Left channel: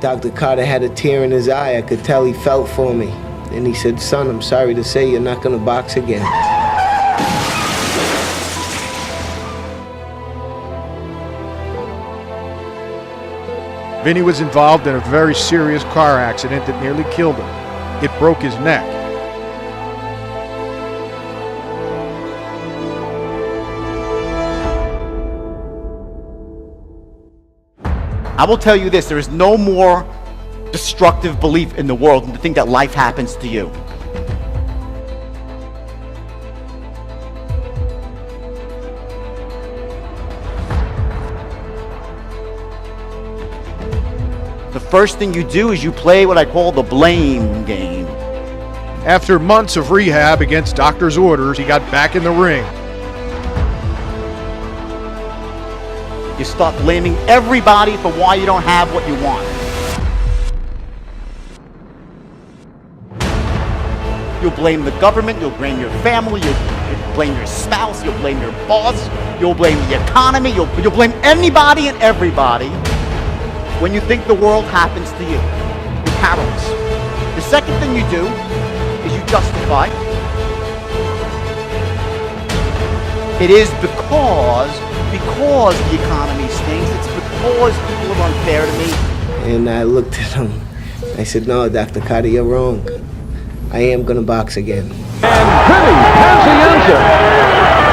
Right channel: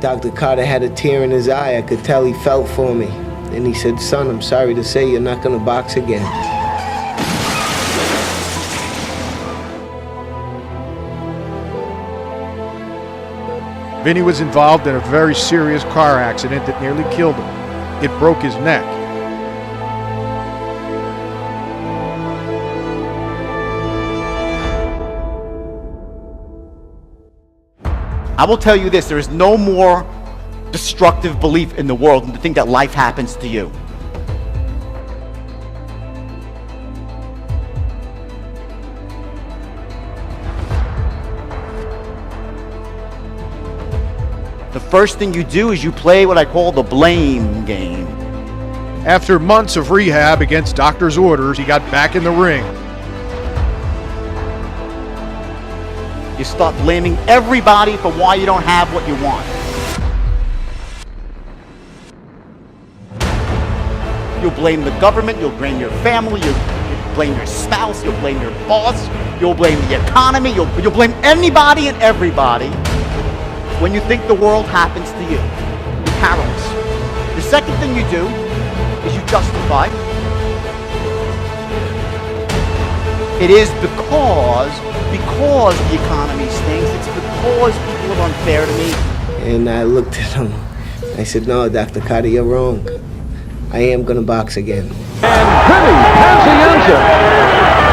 Dr. Carter had a tear in his eye. I could tell he felt for me. And he said, son, I'm sorry to say you're not gonna box again. Vinny was involved in a very serious car accident that nearly killed him. It broke his neck. I will tell you this, there is no more destructive belief in the world than to think that life happens to you. The first thing you do is you play what I call the blame game. After months of rehab against doctor's orders, he got back in the ring. You start blaming everybody for why you don't have what you want. You'll blame the government, you'll blame your family, you'll blame your spouse, you'll blame your boss, you'll blame the economy, you'll blame anybody and everybody when you think the world happens to you. You're powerless. The second thing you do is you justify. It is because the economy stinks, it's because people are unfair to me. And I looked at him. I said, no, Dr. Carter, you're wrong. I am gonna box again. And Vinny Pazienza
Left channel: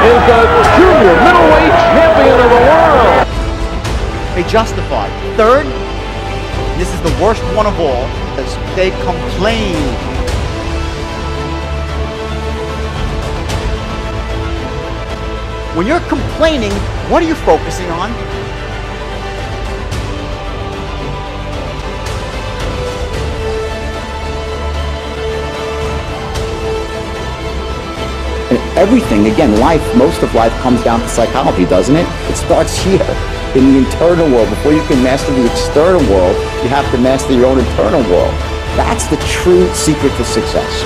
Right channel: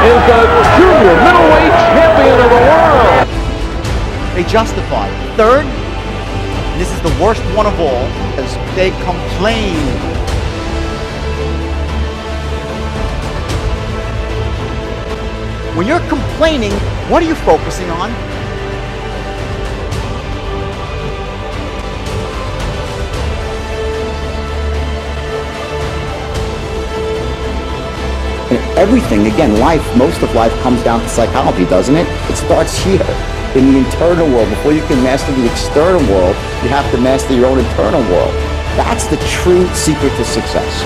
is the junior middleweight champion of the world. They justify. Third, and this is the worst one of all, is they complain. When you're complaining, what are you focusing on? And everything, again, most of life comes down to psychology, doesn't it? It starts here, in the internal world. Before you can master the external world, you have to master your own internal world. That's the true secret to success.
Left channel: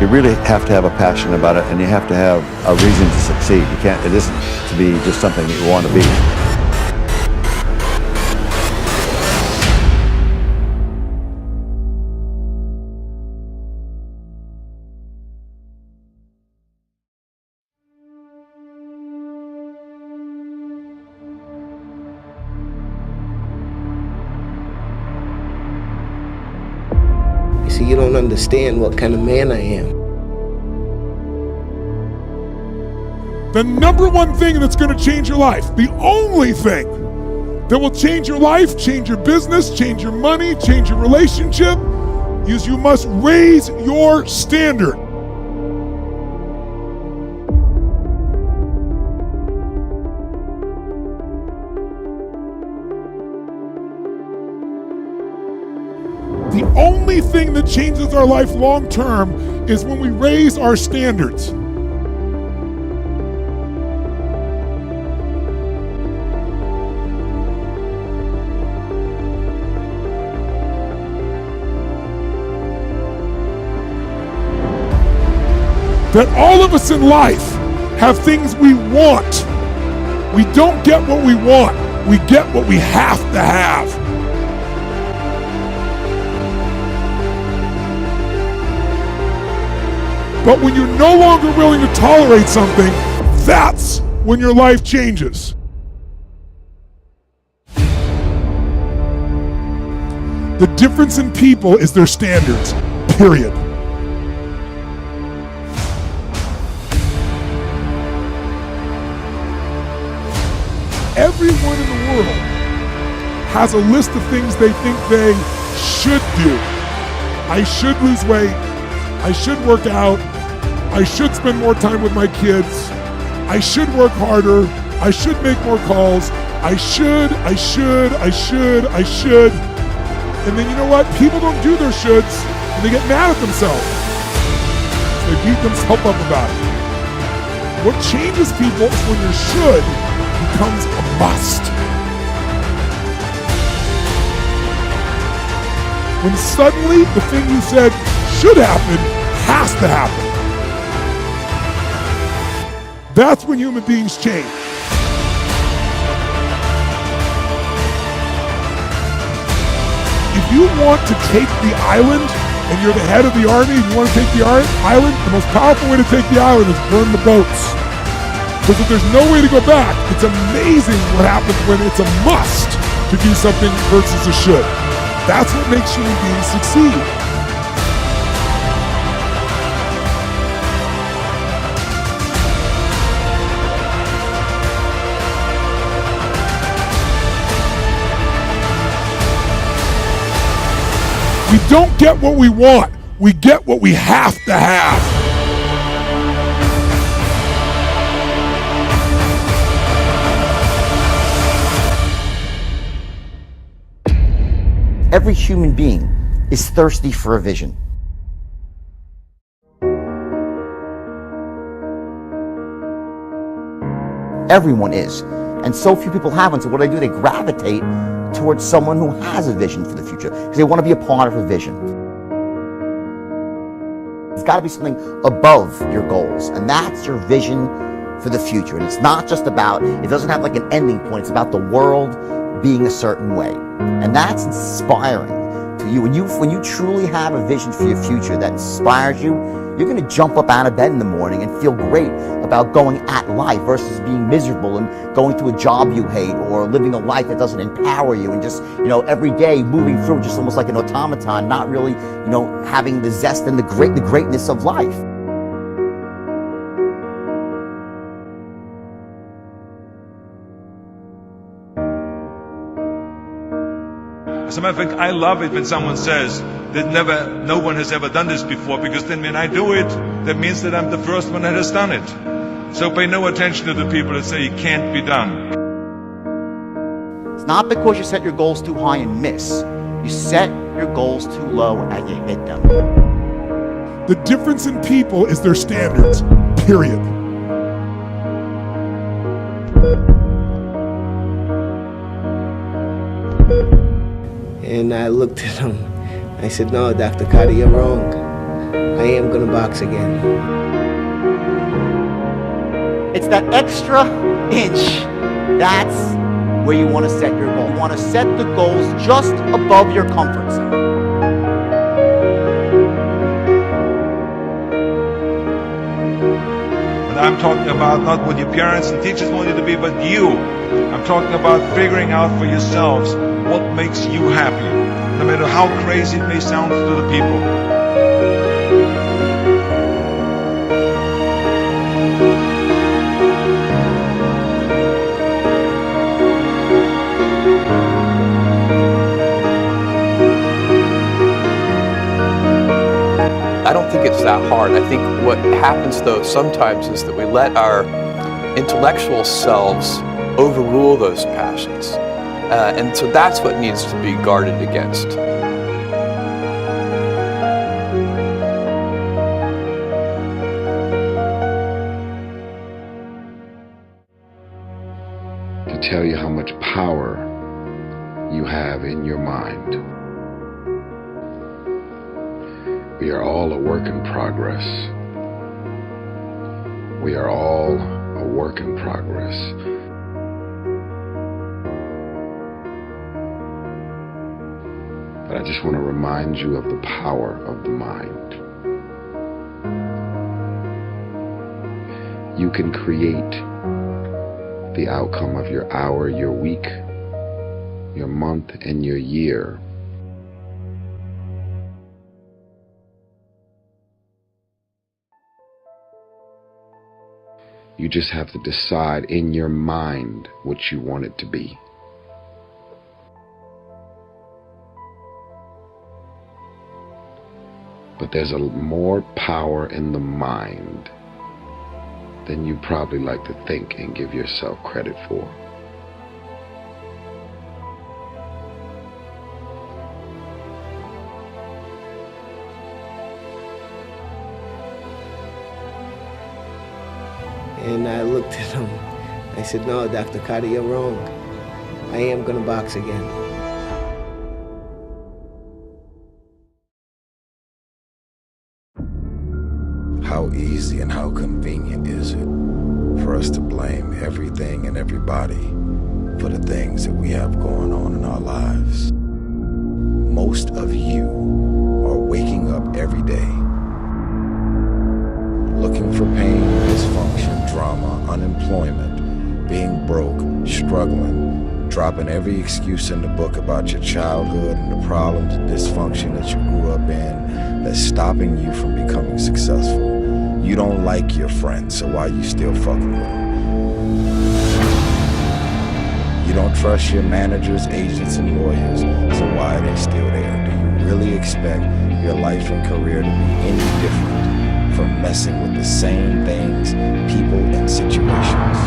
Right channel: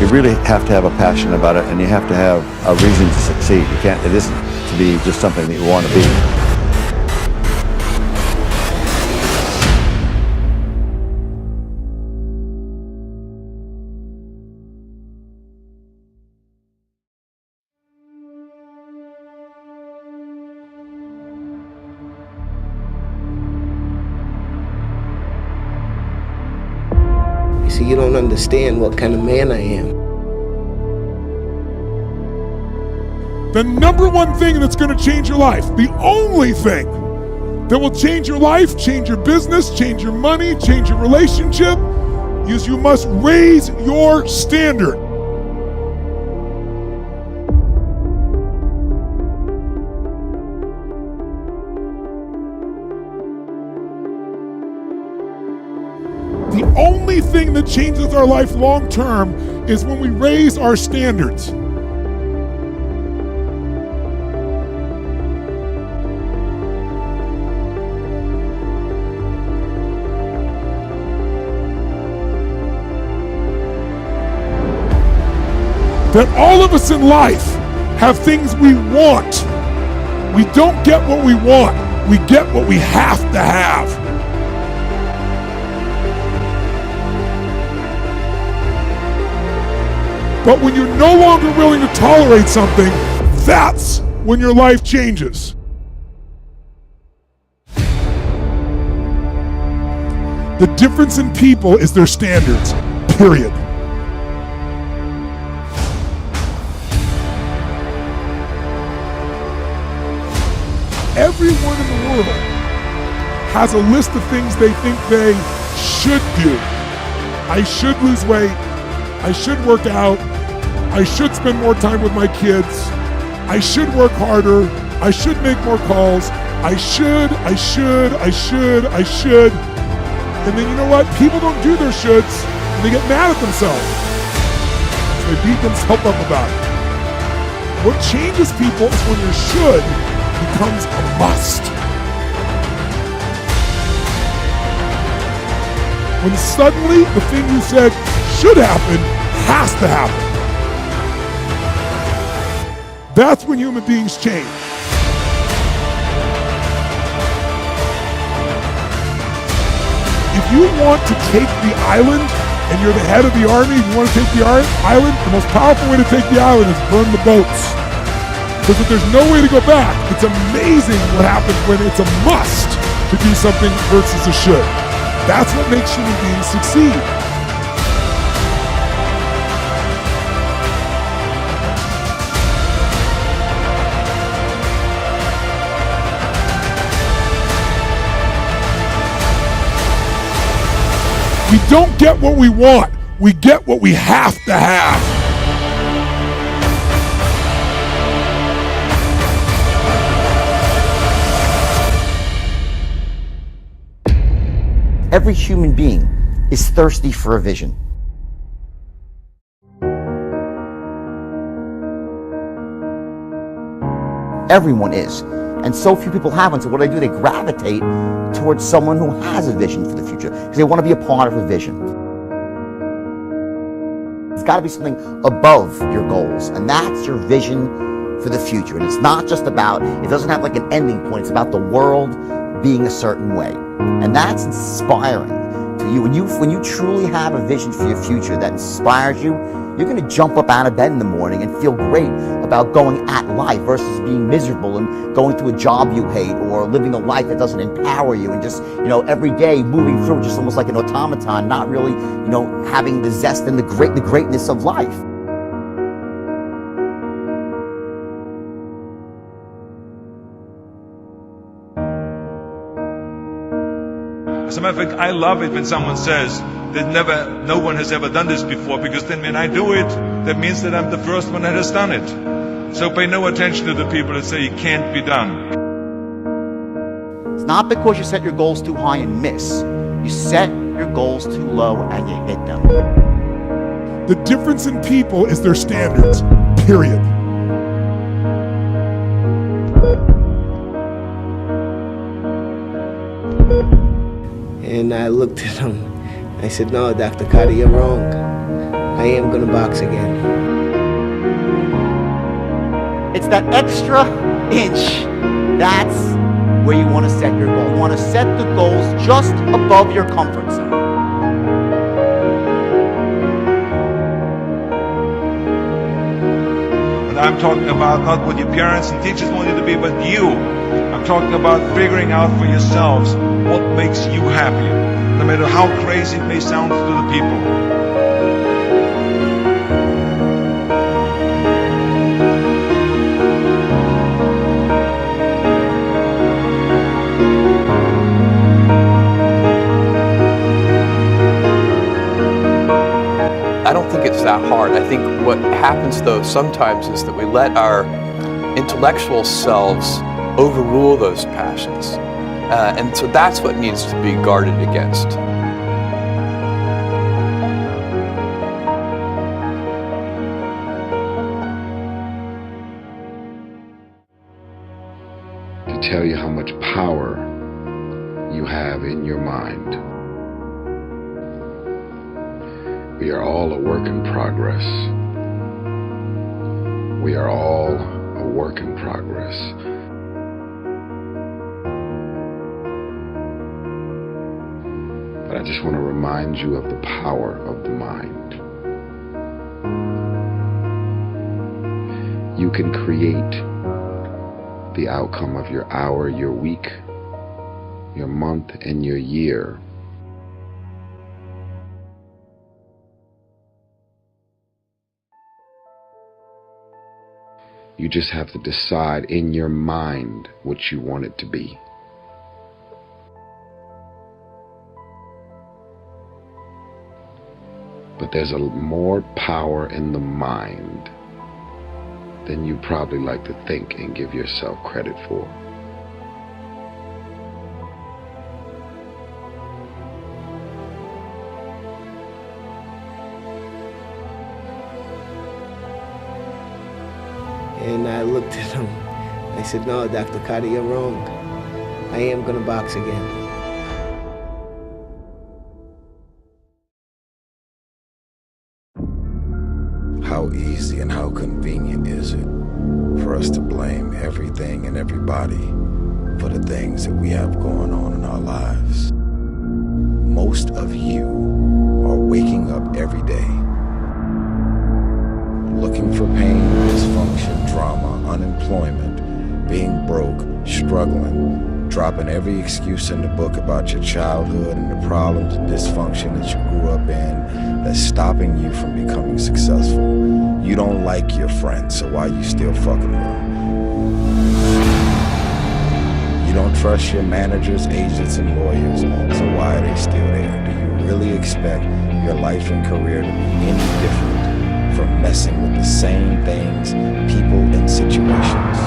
You really have to have a passion about it, and you have to have a reason to succeed. It isn't to be just something that you want to be. You see, you don't understand what kind of man I am. The number one thing that's going to change your life, the only thing that will change your life, change your business, change your money, change your relationship, is you must raise your standard. The only thing that changes our life long term is when we raise our standards. That all of us in life have things we want. We don't get what we want, we get what we have to have. But when you're no longer willing to tolerate something, that's when your life changes. The difference in people is their standards, period. Everyone in the world has a list of things they think they should do. I should lose weight. I should work out. I should spend more time with my kids. I should work harder. I should make more calls. I should. And then you know what? People don't do their shoulds and they get mad at themselves. So they beat themselves up about it. What changes people is when your should becomes a must. When suddenly the thing you said should happen has to happen. That's when human beings change. if you want to take the island and you're the head of the army and you want to take the island, the most powerful way to take the island is burn the boats. Because if there's no way to go back, it's amazing what happens when it's a must to do something versus a should. That's what makes human beings succeed. We don't get what we want. We get what we have to have. Every human being is thirsty for a vision. Everyone is. And so few people have one, so what do? They gravitate towards someone who has a vision for the future, because they want to be a part of a vision. It's got to be something above your goals, and that's your vision for the future. And it's not just about, it doesn't have like an ending point, it's about the world being a certain way. And that's inspiring to you. When you truly have a vision for your future that inspires you, you're going to jump up out of bed in the morning and feel great about going at life versus being miserable and going to a job you hate or living a life that doesn't empower you and just, every day moving through just almost like an automaton, not really, having the zest and the greatness of life. As a matter of fact, I love it when someone says that no one has ever done this before, because then when I do it, that means that I'm the first one that has done it. So pay no attention to the people that say it can't be done. It's not because you set your goals too high and miss. You set your goals too low and you hit them. The difference in people is their standards, period. And I looked at him. I said, no, Dr. Carter, you're wrong. I am going to box again. It's that extra inch. That's where you want to set your goal. You want to set the goals just above your comfort zone. And I'm talking about not what your parents and teachers want you to be, but you. I'm talking about figuring out for yourselves what makes you happy, no matter how crazy it may sound to the people. I don't think it's that hard. I think what happens though sometimes is that we let our intellectual selves overrule those passions. And so that's what needs to be guarded against. To tell you how much power you have in your mind. We are all a work in progress. We are all a work in progress. But I just want to remind you of the power of the mind. You can create the outcome of your hour, your week, your month, and your year. You just have to decide in your mind what you want it to be. But there's more power in the mind than you probably like to think and give yourself credit for. And I looked at him. I said, no, Dr. Carter, you're wrong. I am going to box again. How easy and how convenient is it for us to blame everything and everybody for the things that we have going on in our lives? most of you are waking up every day looking for pain, dysfunction, drama, unemployment, being broke, struggling, dropping every excuse in the book about your childhood and the problems and dysfunction that you grew up in that's stopping you from becoming successful. You don't like your friends, so why you still fucking with them? You don't trust your managers, agents, and lawyers, so why are they still there? Do you really expect your life and career to be any different from messing with the same things, people, and situations?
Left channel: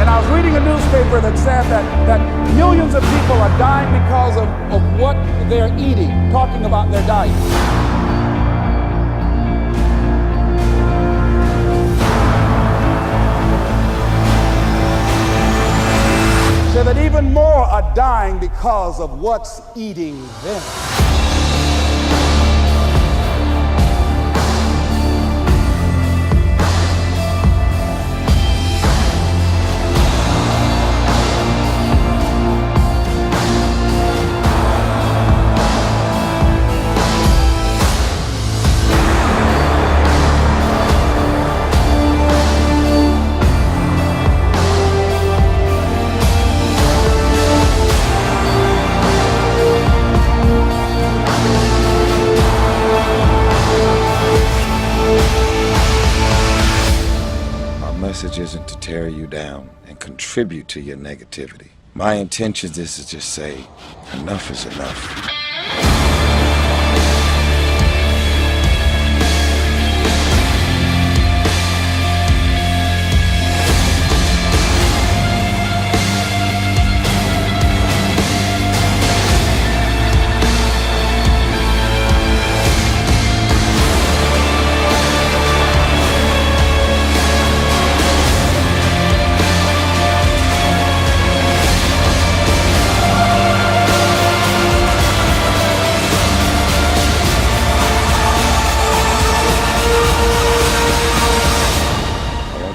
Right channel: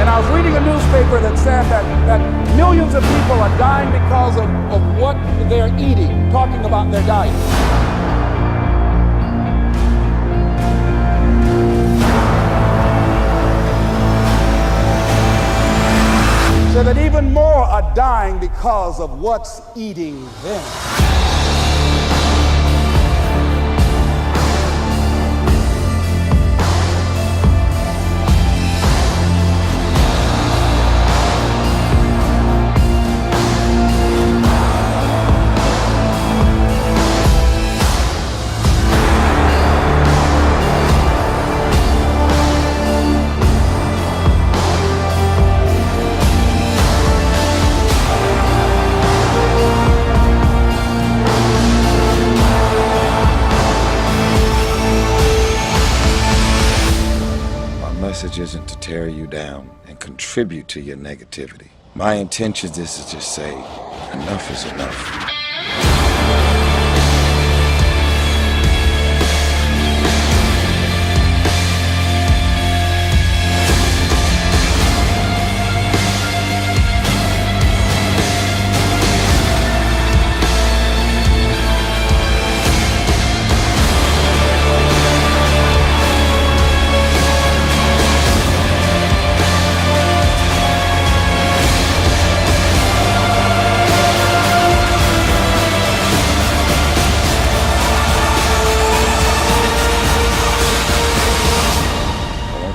And I was reading a newspaper that said that millions of people are dying because of what they're eating, talking about their diet. So that even more are dying because of what's eating them. Message isn't to tear you down and contribute to your negativity. My intention is to just say, enough is enough.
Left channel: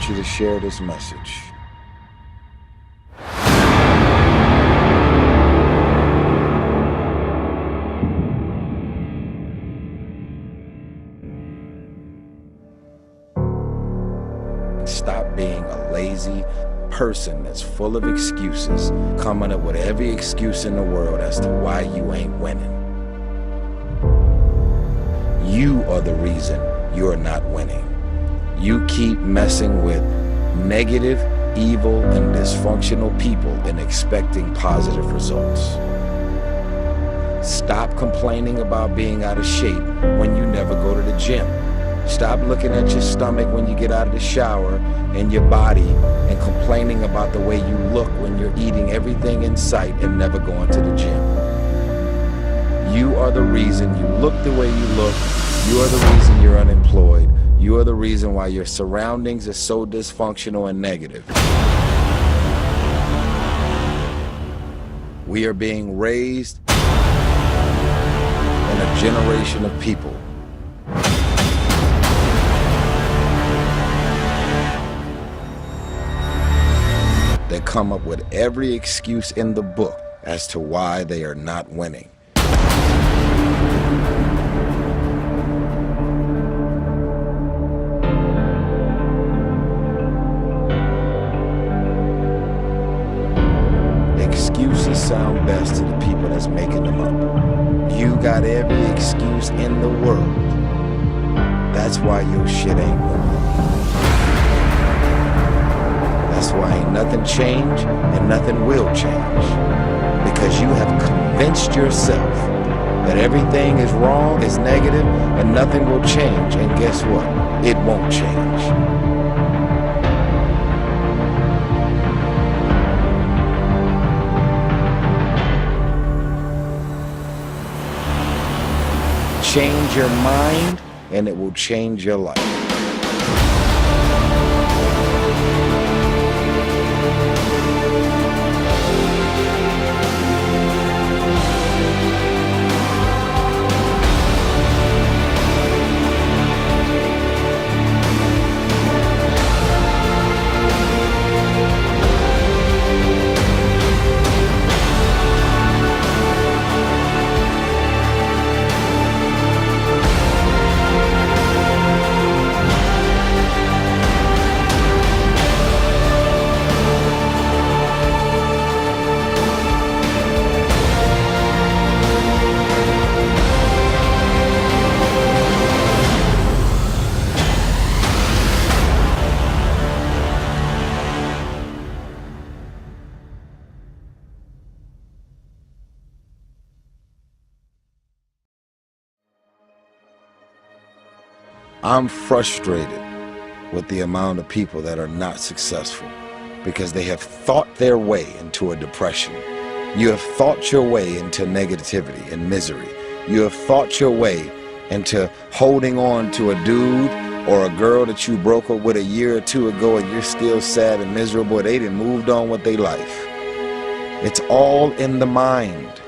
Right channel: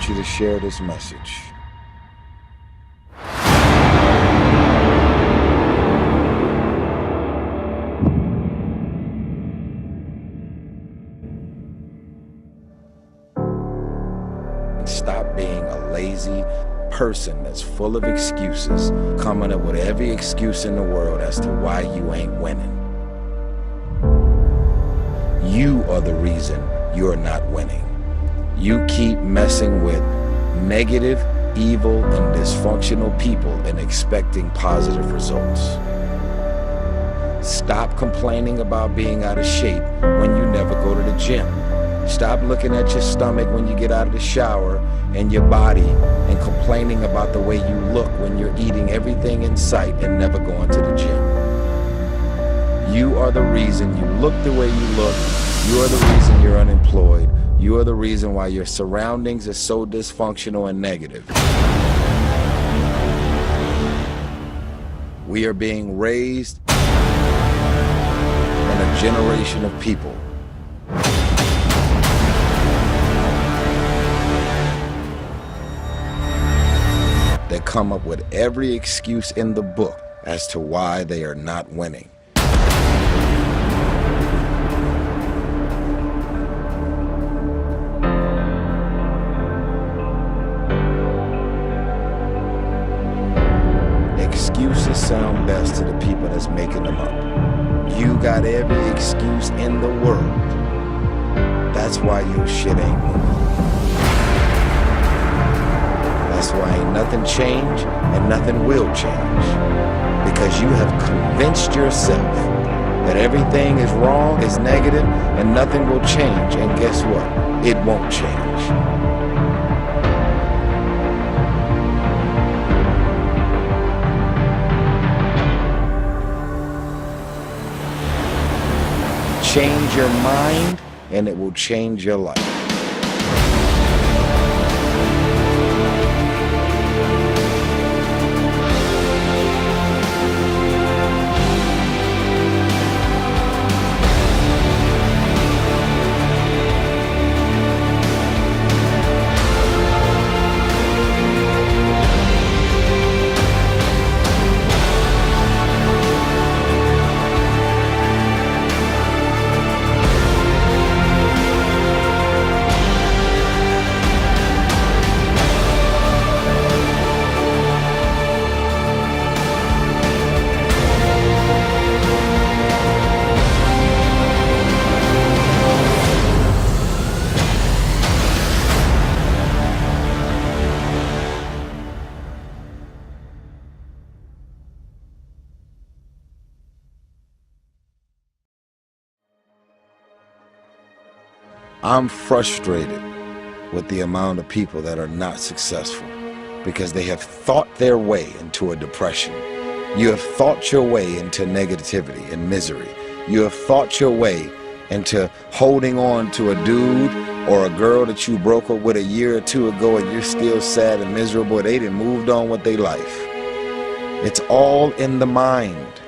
To share this message. Stop being a lazy person that's full of excuses, coming up with every excuse in the world as to why you ain't winning. You are the reason you're not winning. You keep messing with negative, evil, and dysfunctional people and expecting positive results. Stop complaining about being out of shape when you never go to the gym. Stop looking at your stomach when you get out of the shower and your body and complaining about the way you look when you're eating everything in sight and never going to the gym. You are the reason you look the way you look. You are the reason you're unemployed. You are the reason why your surroundings are so dysfunctional and negative. We are being raised in a generation of people that come up with every excuse in the book as to why they are not winning. Excuses sound best to the people that's making them up. You got every excuse in the world. That's why your shit ain't moving. That's why ain't nothing changed and nothing will change. Because you have convinced yourself that everything is wrong, is negative, and nothing will change. And guess what? It won't change. Change your mind, and it will change your life. I'm frustrated with the amount of people that are not successful because they have thought their way into a depression. You have thought your way into negativity and misery. You have thought your way into holding on to a dude or a girl that you broke up with a year or two ago and you're still sad and miserable. They done moved on with their life. It's all in the mind.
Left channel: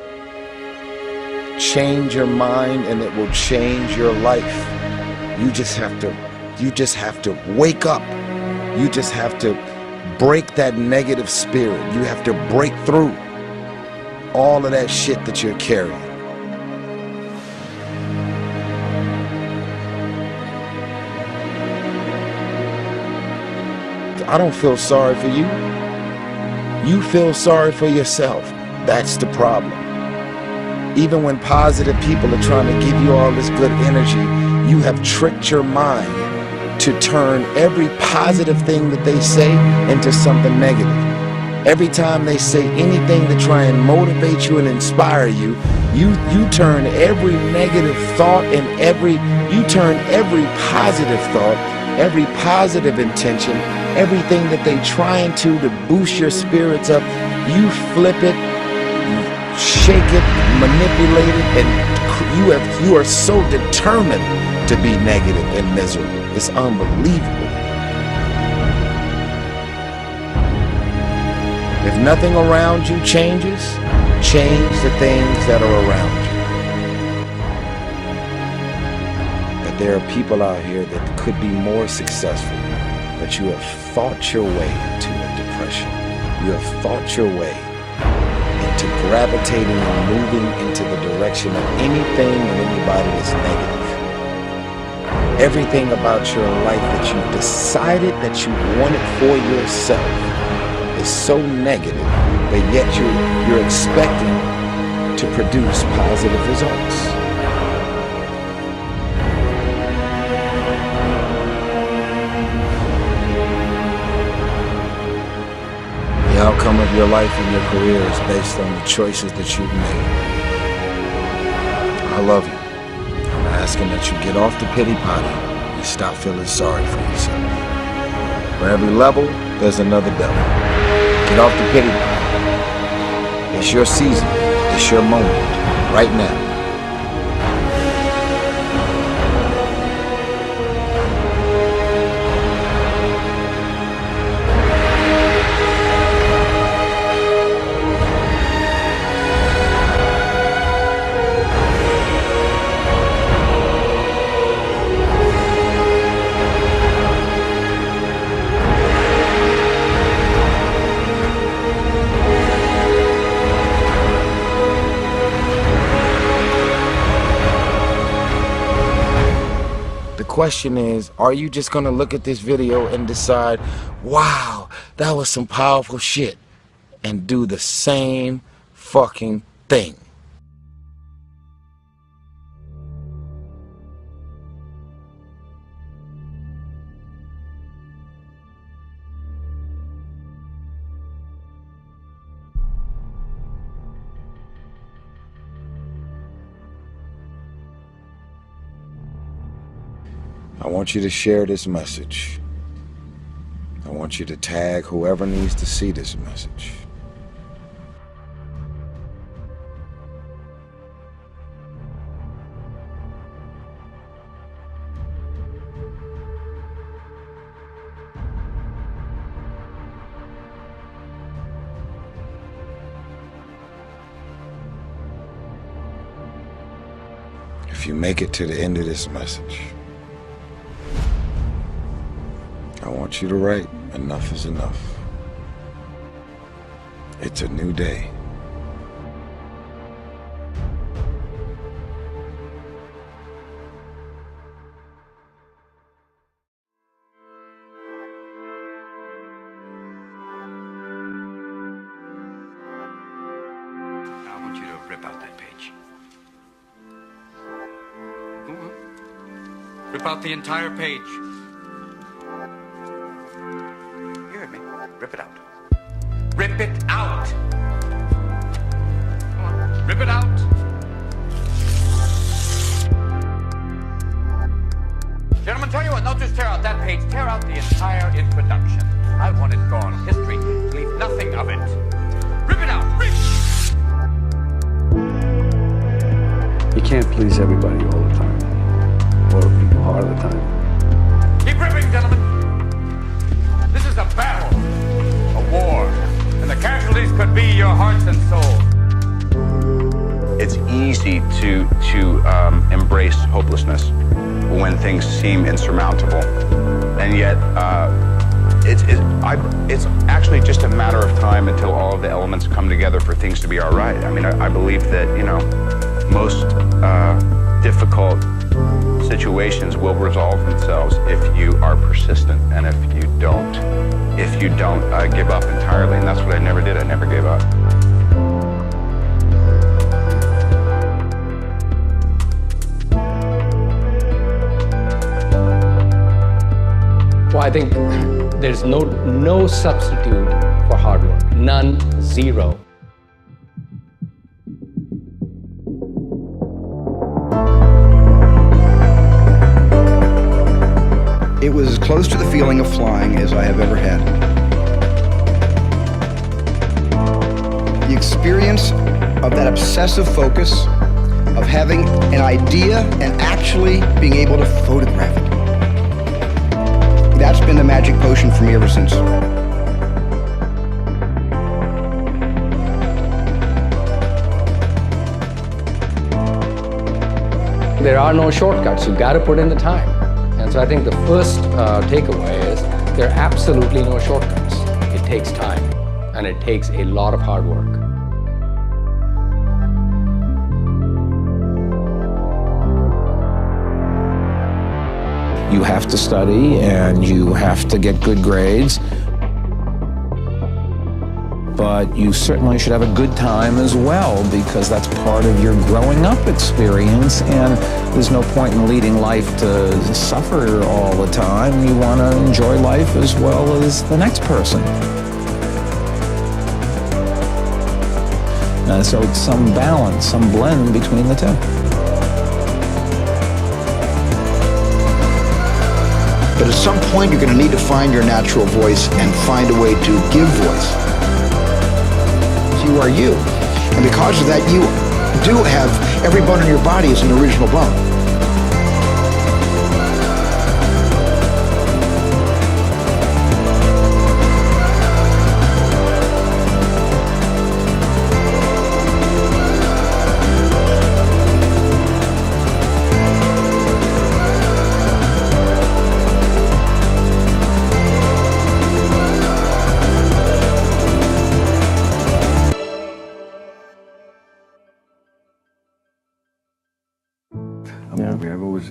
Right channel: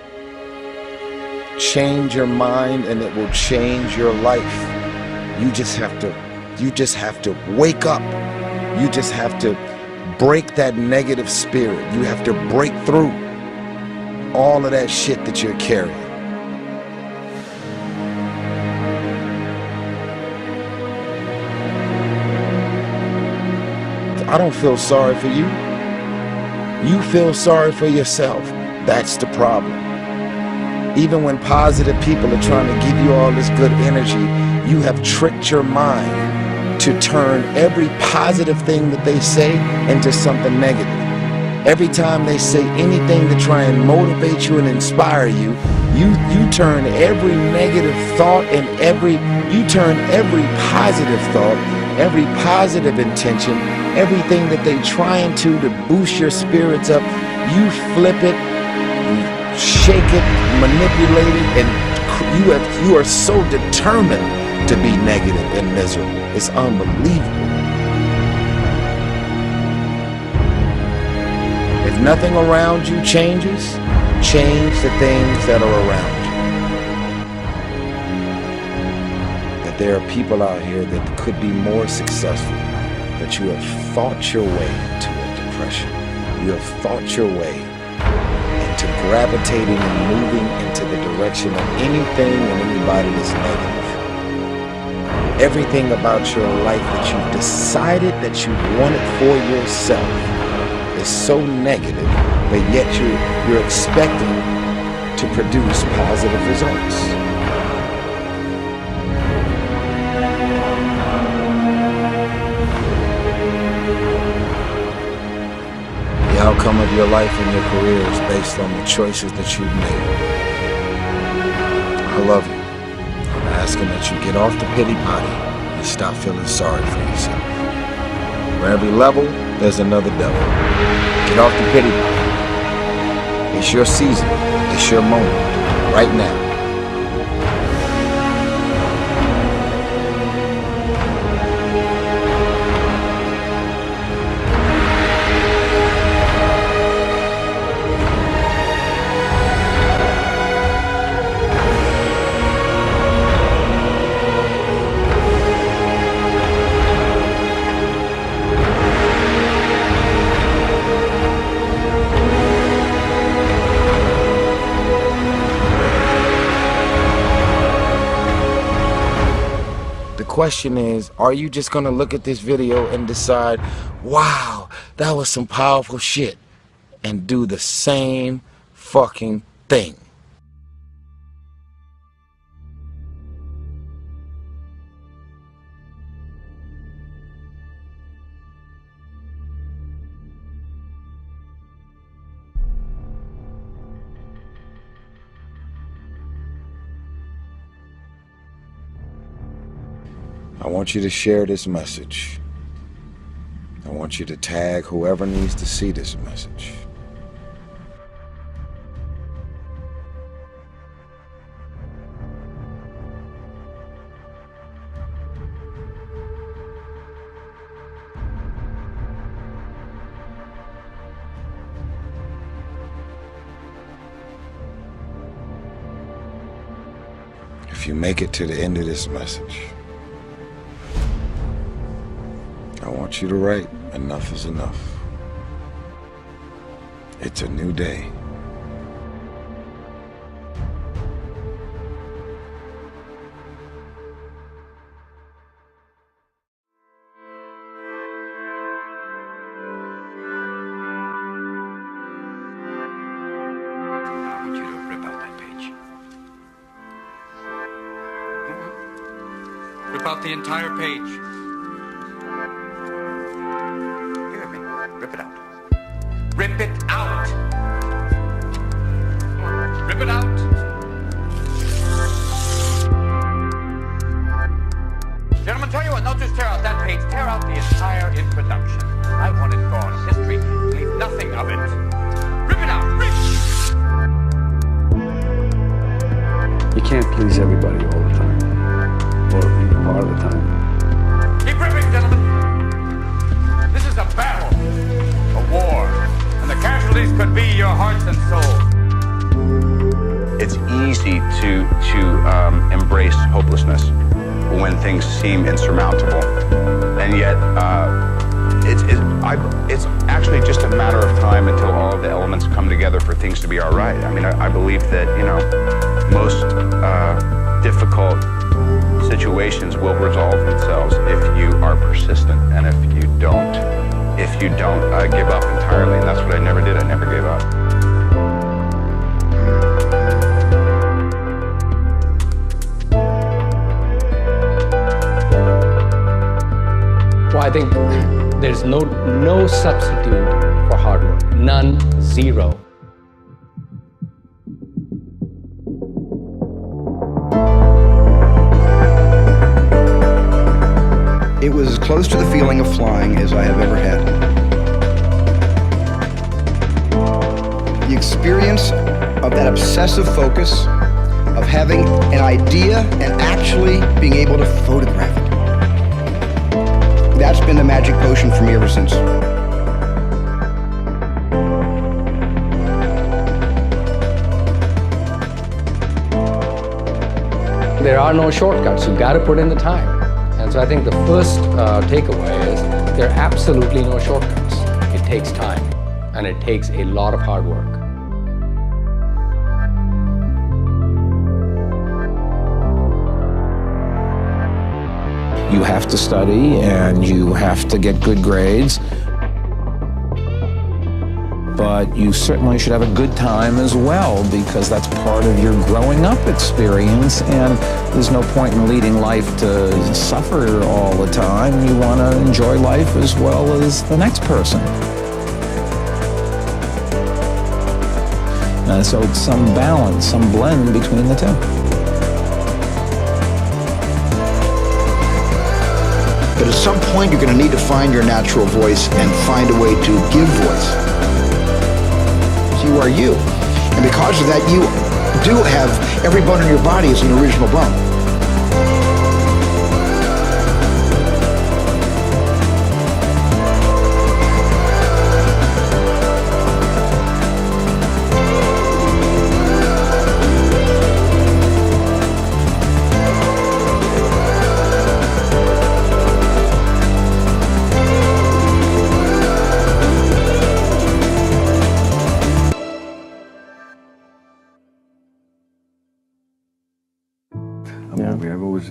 Change your mind and it will change your life. You just have to wake up. You just have to break that negative spirit. You have to break through all of that shit that you're carrying. I don't feel sorry for you. You feel sorry for yourself. That's the problem. Even when positive people are trying to give you all this good energy, you have tricked your mind to turn every positive thing that they say into something negative. Every time they say anything to try and motivate you and inspire you, you turn every negative thought and you turn every positive thought, every positive intention, everything that they trying to boost your spirits up, you flip it, shake it, manipulate it, and you are so determined to be negative and miserable. It's unbelievable. If nothing around you changes, change the things that are around you. That there are people out here that could be more successful, but you have thought your way into a depression. You have thought your way into gravitating and moving into the direction of anything and anybody that's negative. Everything about your life that you've decided that you want it for yourself is so negative, but yet you're expecting to produce positive results. The outcome of your life and your career is based on the choices that you've made. I love you. I'm asking that you get off the pity potty and stop feeling sorry for yourself. For every level, there's another devil. Get off the pity potty. It's your season. It's your moment. Right now. The question is, are you just gonna look at this video and decide, wow, that was some powerful shit, and do the same fucking thing? I want you to share this message. I want you to tag whoever needs to see this message. If you make it to the end of this message, I want you to write, enough is enough. It's a new day. I want you to rip out that page. Go on. Rip out the entire page. Rip it out. Rip it out! Come on, rip it out! Get Gentlemen, tell you what, don't just tear out that page, tear out the entire introduction. I want it gone. History, leave nothing of it. Rip it out, rip! You can't please everybody all the time, or even part of the time. Keep ripping, gentlemen. This is a battle, a war, and the casualties could be your hearts and souls. It's easy to embrace hopelessness when things seem insurmountable, and yet it's actually just a matter of time until all of the elements come together for things to be all right. I mean, I believe that, you know, most difficult situations will resolve themselves if you are persistent and if you don't give up entirely. And that's what I never did. I never gave up. Well, I think there's no substitute for hard work. None, zero. It was as close to the feeling of flying as I have ever had. The experience of that obsessive focus, of having an idea and actually being able to photograph it. That's been the magic potion for me ever since. There are no shortcuts. You've got to put in the time. And so I think the first takeaway is there are absolutely no shortcuts. It takes time, and it takes a lot of hard work. You have to study and you have to get good grades, but you certainly should have a good time as well, because that's part of your growing up experience, and there's no point in leading life to suffer all the time. You want to enjoy life as well as the next person. So it's some balance, some blend between the two. But at some point, you're going to need to find your natural voice and find a way to give voice. You are you. And because of that, you do have every bone in your body is an original bone.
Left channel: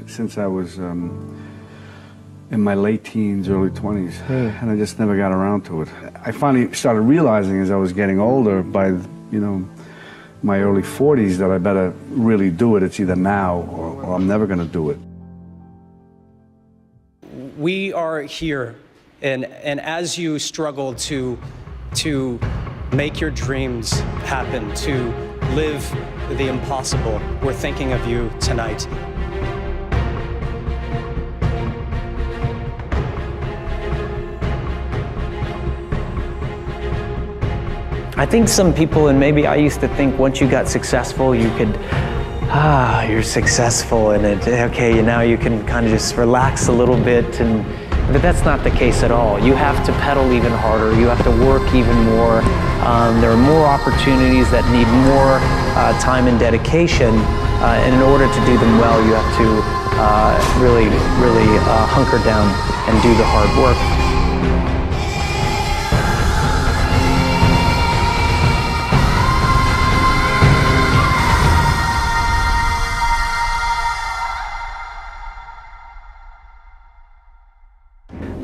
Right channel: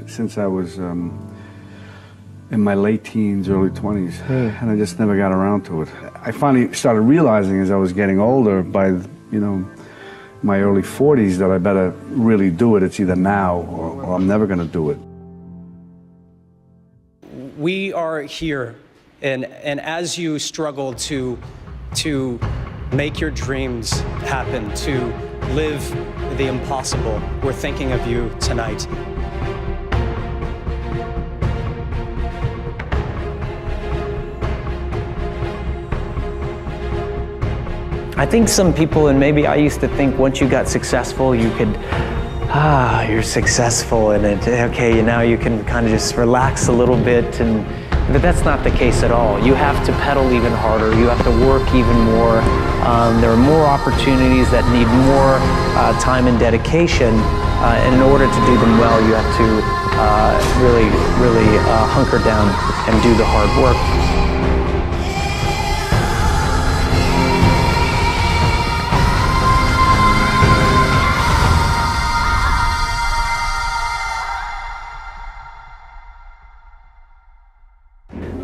Since I was in my late teens, early 20s, and I just never got around to it. I finally started realizing as I was getting older, by, you know, my early 40s, that I better really do it. It's either now or I'm never going to do it. We are here, and as you struggle to make your dreams happen, to live the impossible, we're thinking of you tonight. I think some people, and maybe I used to think once you got successful, you could, you're successful and okay, now you can kind of just relax a little bit, but that's not the case at all. You have to pedal even harder, you have to work even more. There are more opportunities that need more time and dedication, and in order to do them well, you have to really hunker down and do the hard work.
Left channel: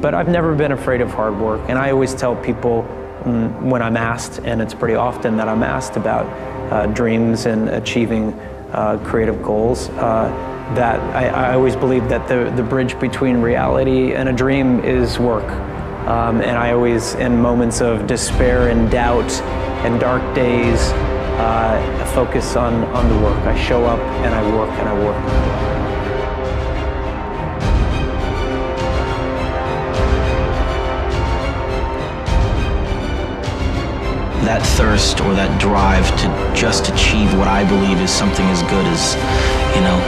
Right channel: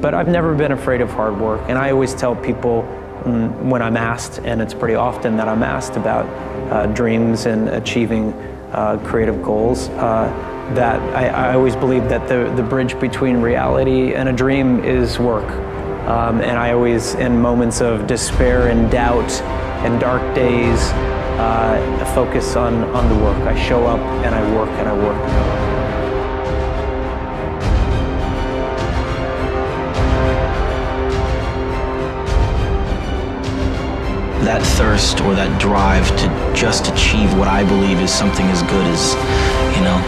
But I've never been afraid of hard work, and I always tell people when I'm asked, and it's pretty often that I'm asked about dreams and achieving creative goals, that I always believe that the bridge between reality and a dream is work. And I always, in moments of despair and doubt and dark days, focus on the work. I show up and I work and I work and I work. that thirst or that drive to just achieve what I believe is something as good as, you know,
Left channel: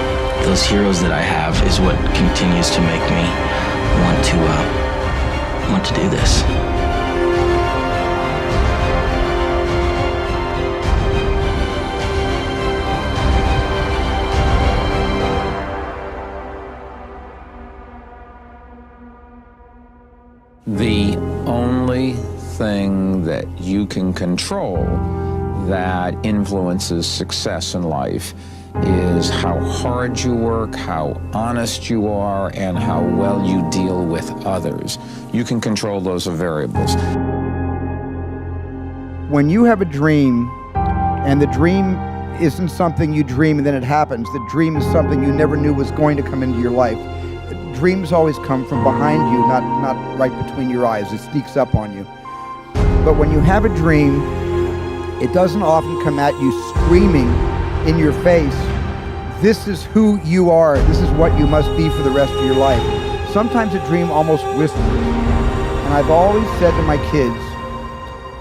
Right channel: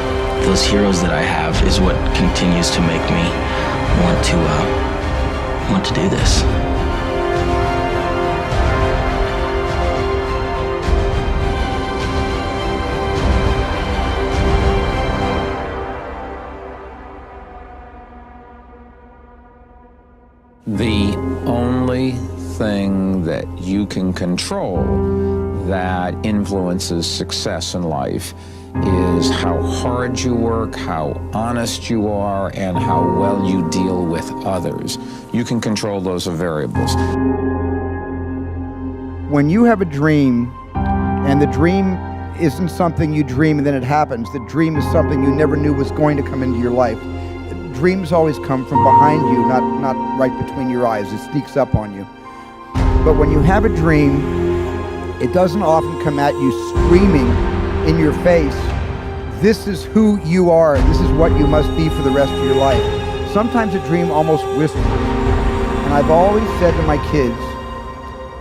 those heroes that I have is what continues to make me want to do this. The only thing that you can control that influences success in life is how hard you work, how honest you are, and how well you deal with others. You can control those variables. When you have a dream, and the dream isn't something you dream and then it happens, the dream is something you never knew was going to come into your life. Dreams always come from behind you, not right between your eyes. It sneaks up on you. But when you have a dream, it doesn't often come at you screaming in your face, this is who you are, this is what you must be for the rest of your life. Sometimes a dream almost whispers. And I've always said to my kids,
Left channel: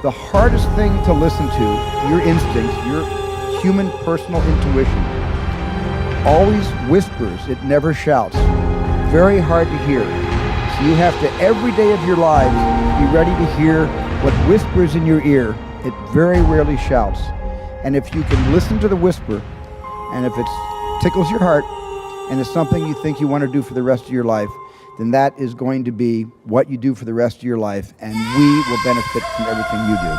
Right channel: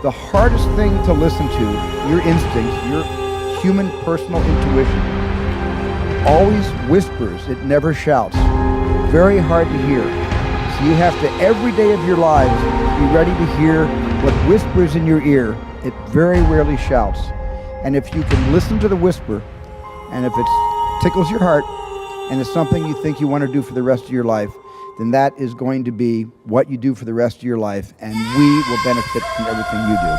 the hardest thing to listen to, your instincts, your human personal intuition, always whispers, it never shouts. Very hard to hear. So you have to, every day of your lives, be ready to hear what whispers in your ear. It very rarely shouts. And if you can listen to the whisper, and if it tickles your heart, and it's something you think you want to do for the rest of your life, then that is going to be what you do for the rest of your life, and we will benefit from everything you do.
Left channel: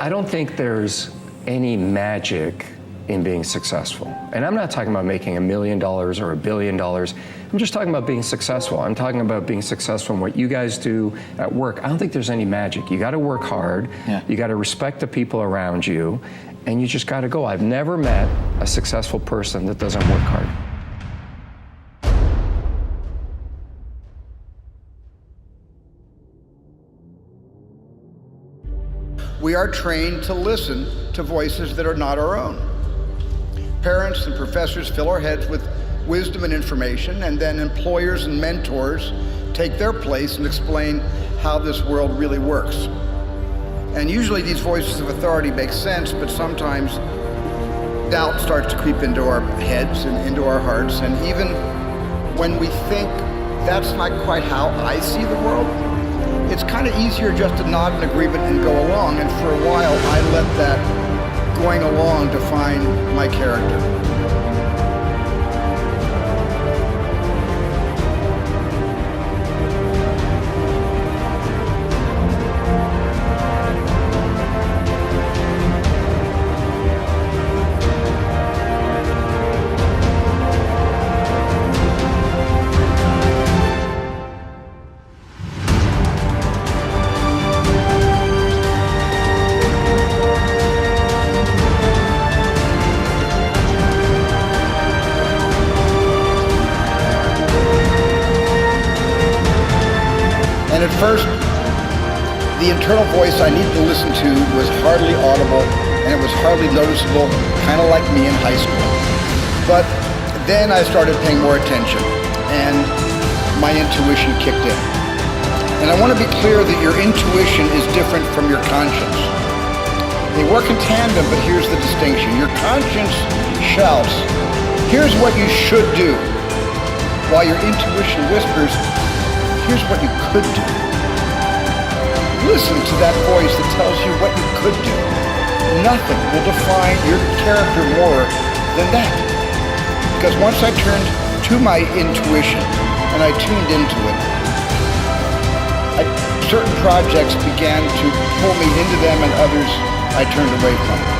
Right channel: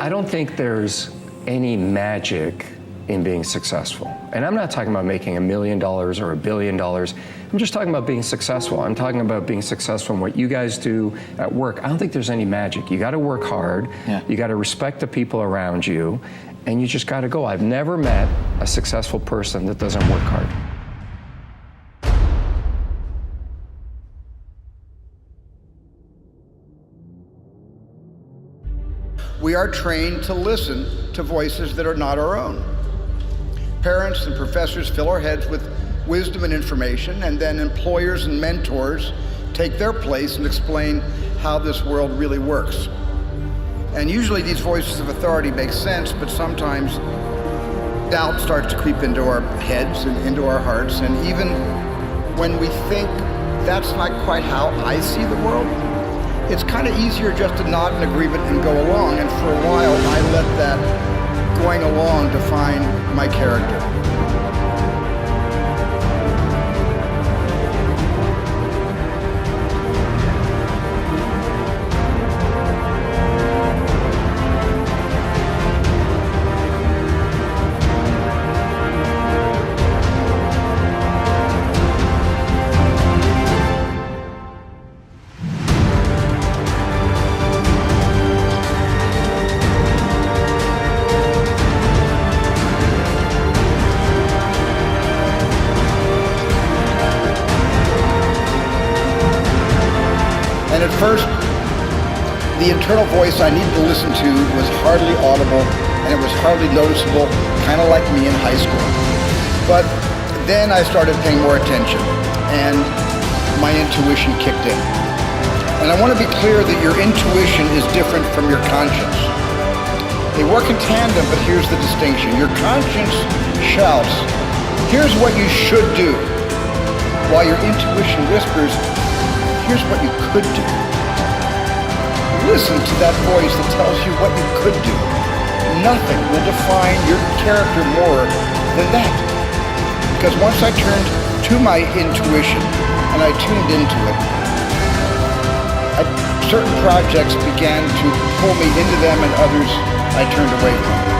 I don't think there's any magic in being successful. And I'm not talking about making $1 million or $1 billion. I'm just talking about being successful. I'm talking about being successful in what you guys do at work. I don't think there's any magic. You got to work hard. Yeah. You got to respect the people around you, and you just got to go. I've never met a successful person that doesn't work hard. We are trained to listen to voices that are not our own. Parents and professors fill our heads with wisdom and information, and then employers and mentors take their place and explain how this world really works. And usually these voices of authority make sense, but sometimes doubt starts to creep into our heads and into our hearts, and even when we think that's not quite how I see the world, it's kind of easier just to nod in agreement and go along, and for a while I let that going along define my character. And at first, the internal voice I needed to listen to was hardly audible, and it was hardly noticeable, kind of like me in high school. But then I started paying more attention, and my intuition kicked in. And I want to be clear that your intuition is different from your conscience. They work in tandem, but here's the distinction. Your conscience shouts, here's what you should do, while your intuition whispers, here's what you could do. Listen to that voice that tells you what you could do. Nothing will define your character more than that. Because once I turned to my intuition and I tuned into it, certain projects began to pull me into them, and others I turned away from.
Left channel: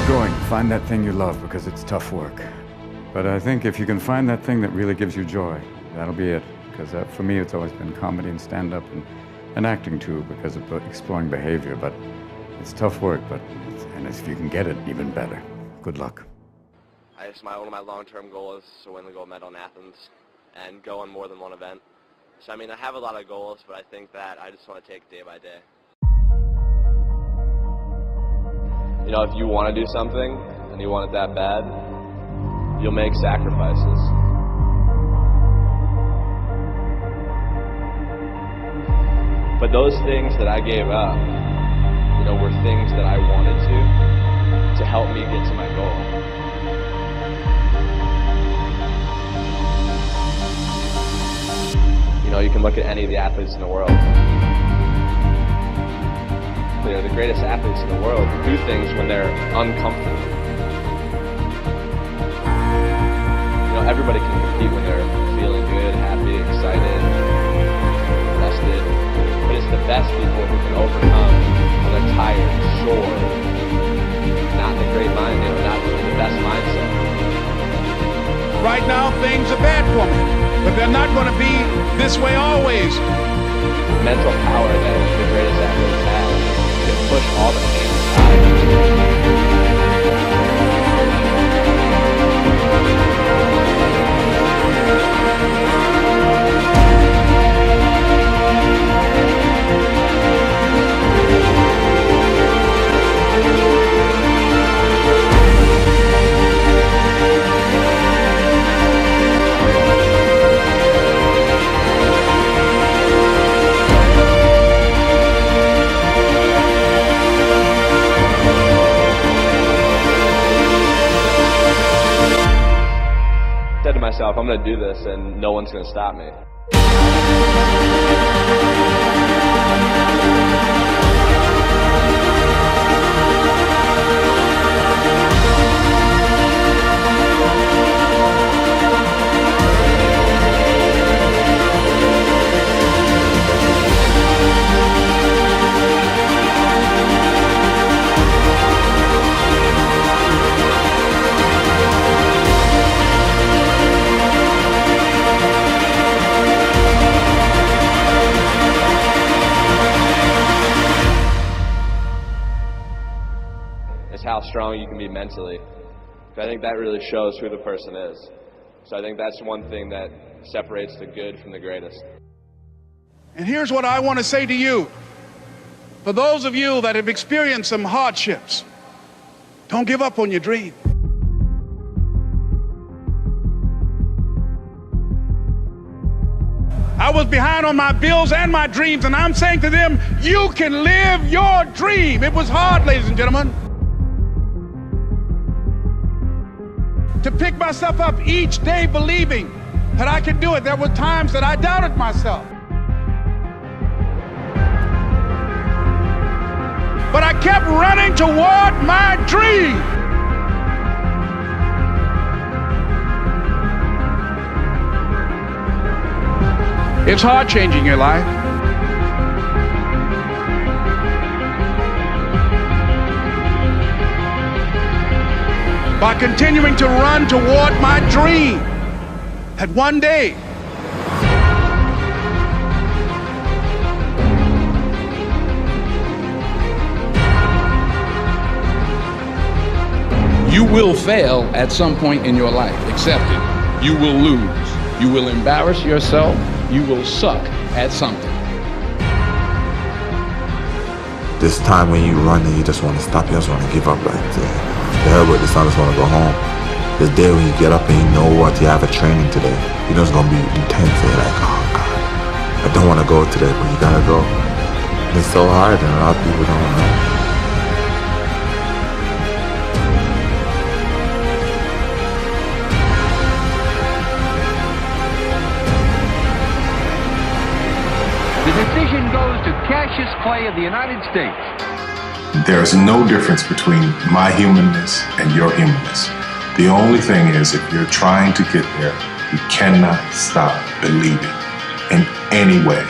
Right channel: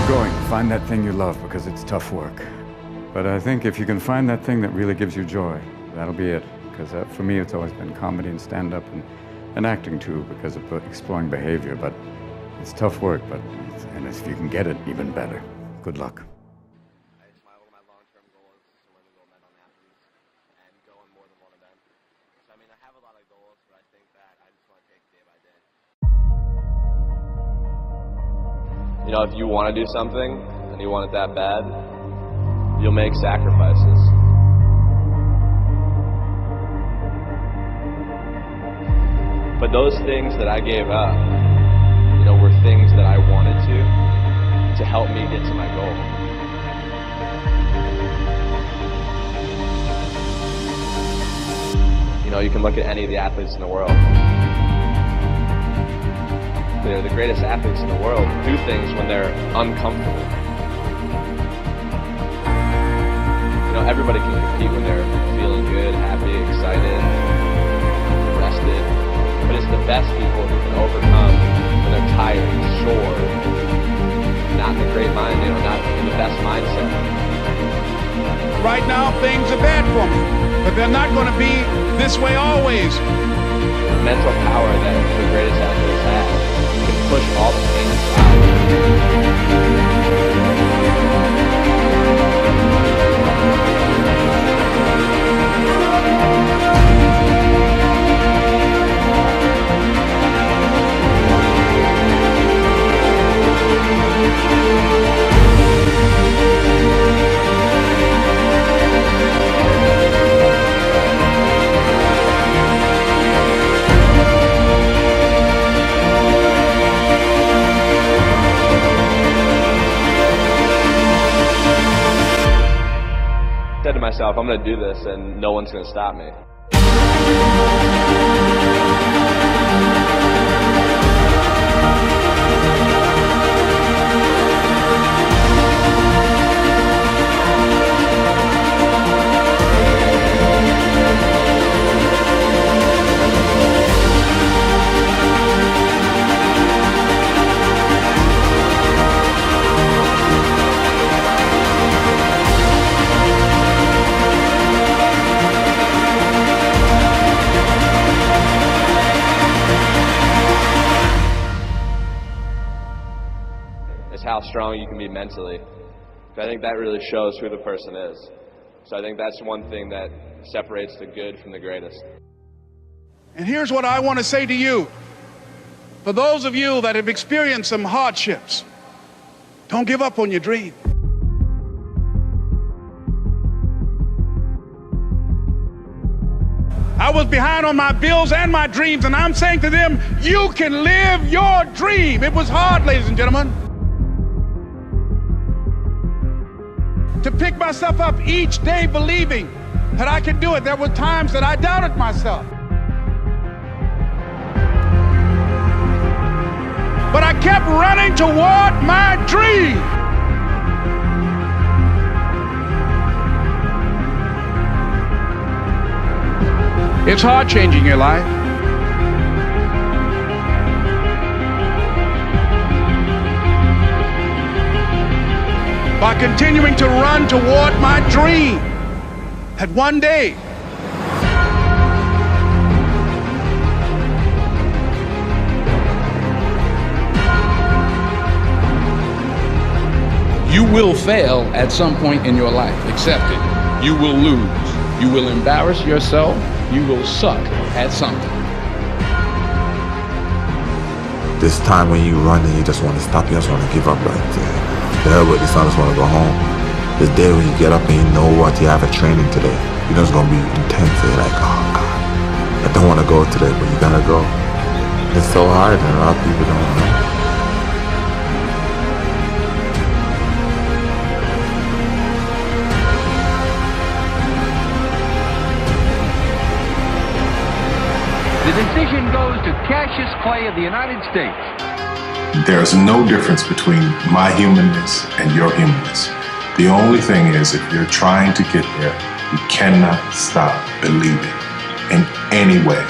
Keep going. Find that thing you love, because it's tough work. But I think if you can find that thing that really gives you joy, that'll be it. Because for me, it's always been comedy and stand-up and acting too, because of exploring behavior. But it's tough work, and if you can get it, even better. Good luck. One of my long-term goals is to win the gold medal in Athens and go on more than one event. So I mean, I have a lot of goals, but I think that I just want to take day by day. You know, if you want to do something and you want it that bad, you'll make sacrifices. But those things that I gave up, you know, were things that I wanted to help me get to my goal. You know, you can look at any of the athletes in the world. They're the greatest athletes in the world do things when they're uncomfortable. You know, everybody can compete when they're feeling good, happy, excited, rested. But it's the best people who can overcome when they're tired, sore, not in a great mind, you know, not in the best mindset. Right now, things are bad for me, but they're not going to be this way always. The mental power that the greatest athletes have can push all the pain aside. I said to myself, I'm going to do this and no one's going to stop me. Is how strong you can be mentally. I think that really shows who the person is. So I think that's one thing that separates the good from the greatest. And here's what I want to say to you. For those of you that have experienced some hardships, don't give up on your dream. I was behind on my bills and my dreams, and I'm saying to them, you can live your dream. It was hard, ladies and gentlemen, to pick myself up each day believing that I could do it. There were times that I doubted myself. But I kept running toward my dream. It's hard changing your life. By continuing to run toward my dream, that one day you will fail at some point in your life. Accept it. You will lose. You will embarrass yourself. You will suck at something. This time when you run and you just want to stop, you just want to give up right there. The hell with this, I just want to go home. This day when you get up and you know what, you have a training today. You know it's going to be intense. You're like, oh God, I don't want to go today, but you got to go. And it's so hard and a lot of people don't know. The decision goes to Cassius Clay of the United States. There's no difference between my humanness and your humanness. The only thing is, if you're trying to get there, you cannot stop believing in any way.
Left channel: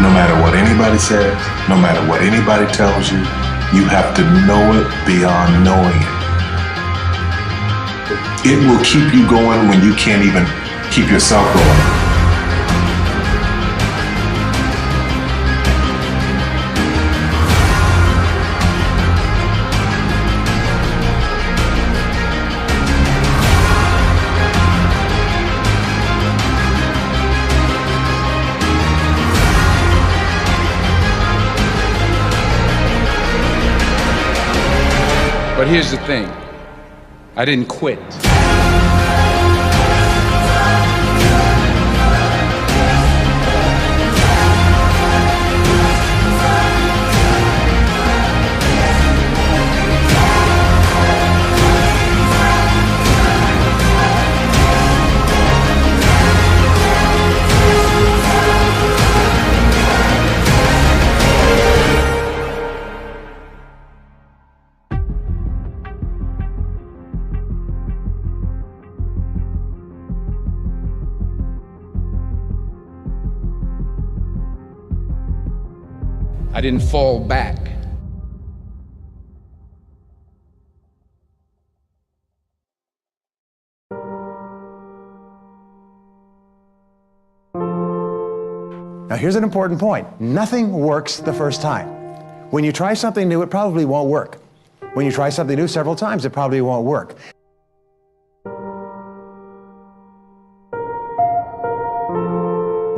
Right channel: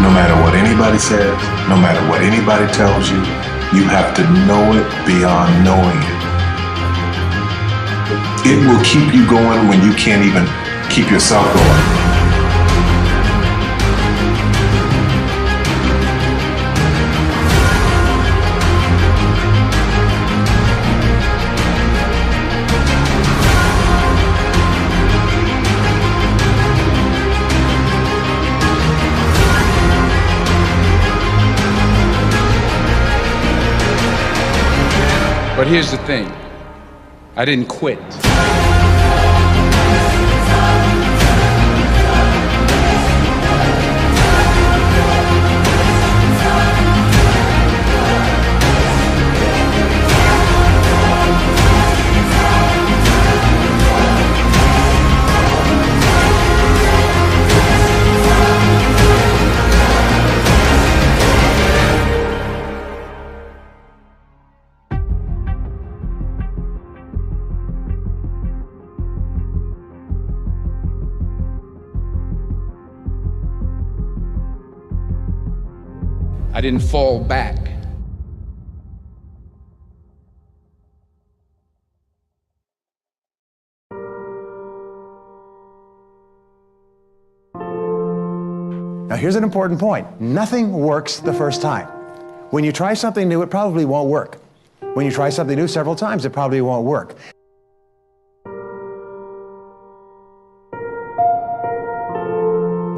No matter what anybody says, no matter what anybody tells you, you have to know it beyond knowing it. It will keep you going when you can't even keep yourself going. But here's the thing, I didn't quit. I didn't fall back. Now here's an important point. Nothing works the first time. When you try something new, it probably won't work. When you try something new several times, it probably won't work.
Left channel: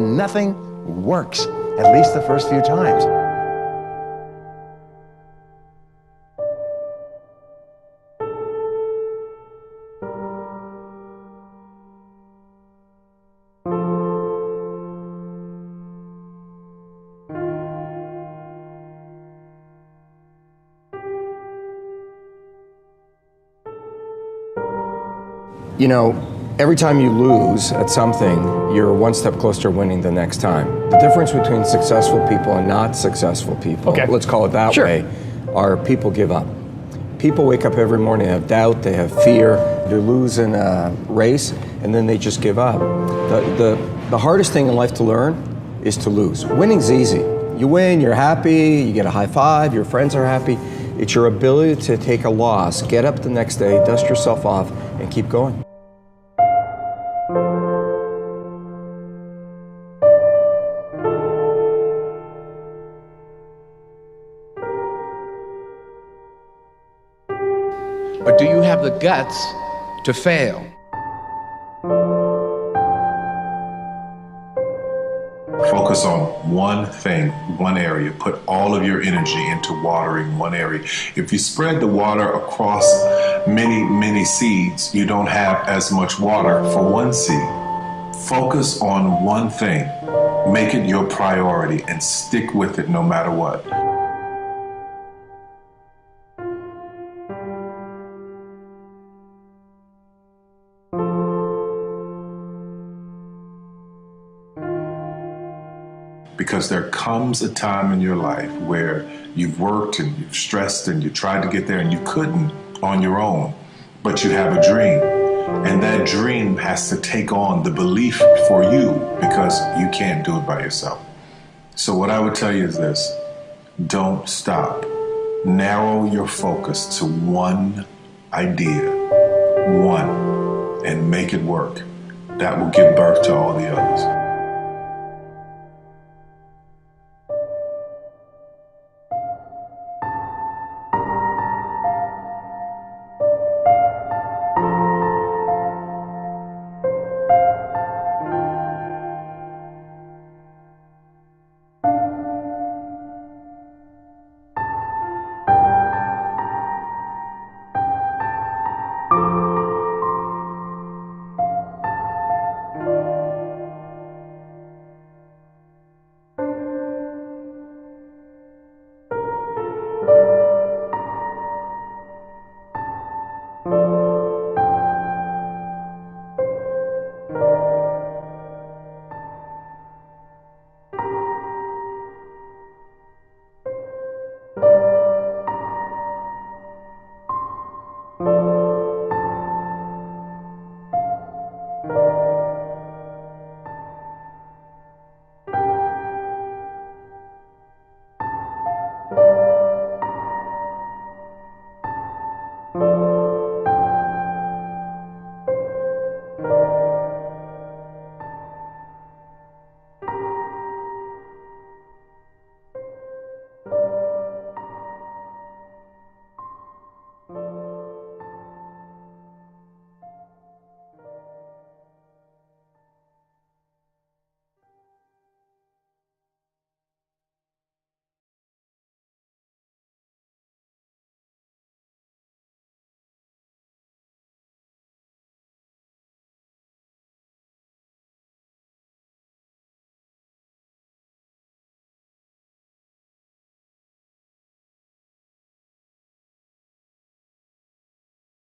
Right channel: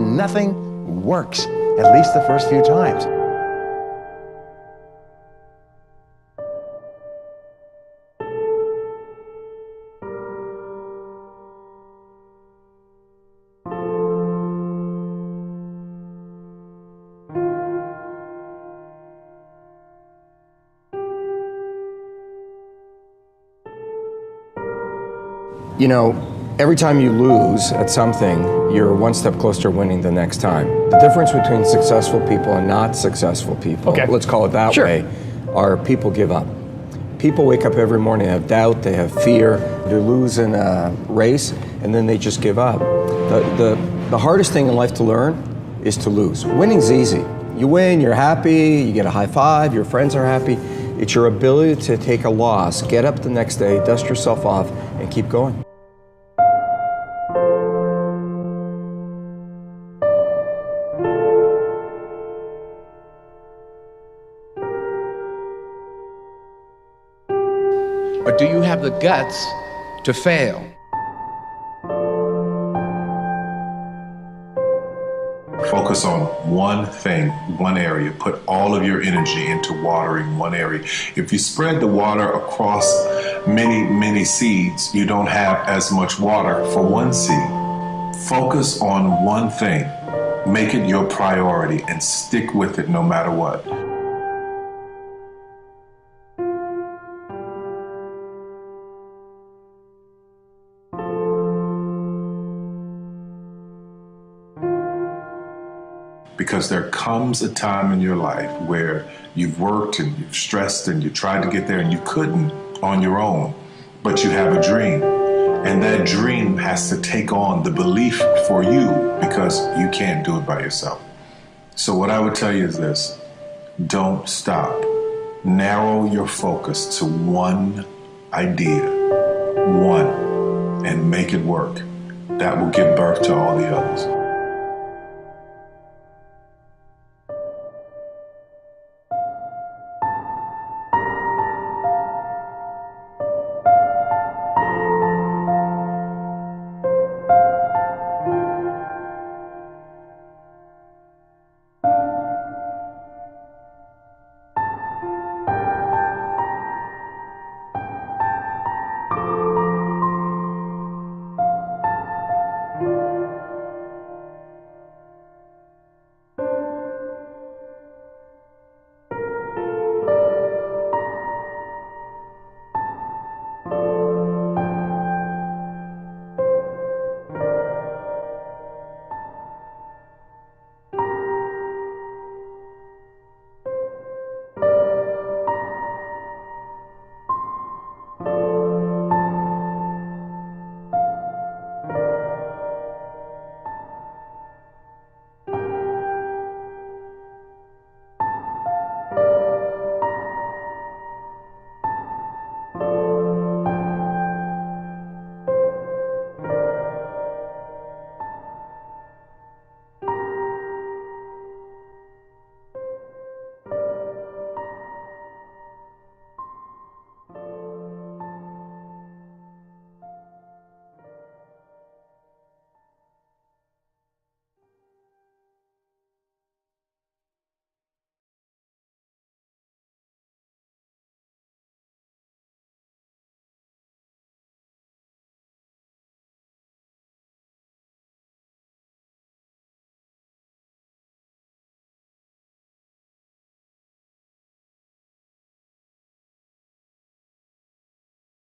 Nothing works, at least the first few times. You know, every time you lose at something, you're one step closer to winning the next time. The difference between successful people and not successful people, let's call it that way, are people give up. People wake up every morning, they have doubt, they have fear, they lose in a race, and then they just give up. The hardest thing in life to learn is to lose. Winning's easy. You win, you're happy, you get a high five, your friends are happy. It's your ability to take a loss, get up the next day, dust yourself off, and keep going. But do you have the guts to fail? Focus on one thing, one area. Put all of your energy into watering one area. If you spread the water across many, many seeds, you don't have as much water for one seed. Focus on one thing. Make it your priority and stick with it no matter what. Because there comes a time in your life where you've worked and you've stressed and you tried to get there and you couldn't on your own, but you have a dream. And that dream has to take on the belief for you because you can't do it by yourself. So what I would tell you is this: don't stop. Narrow your focus to one idea, one, and make it work. That will give birth to all the others.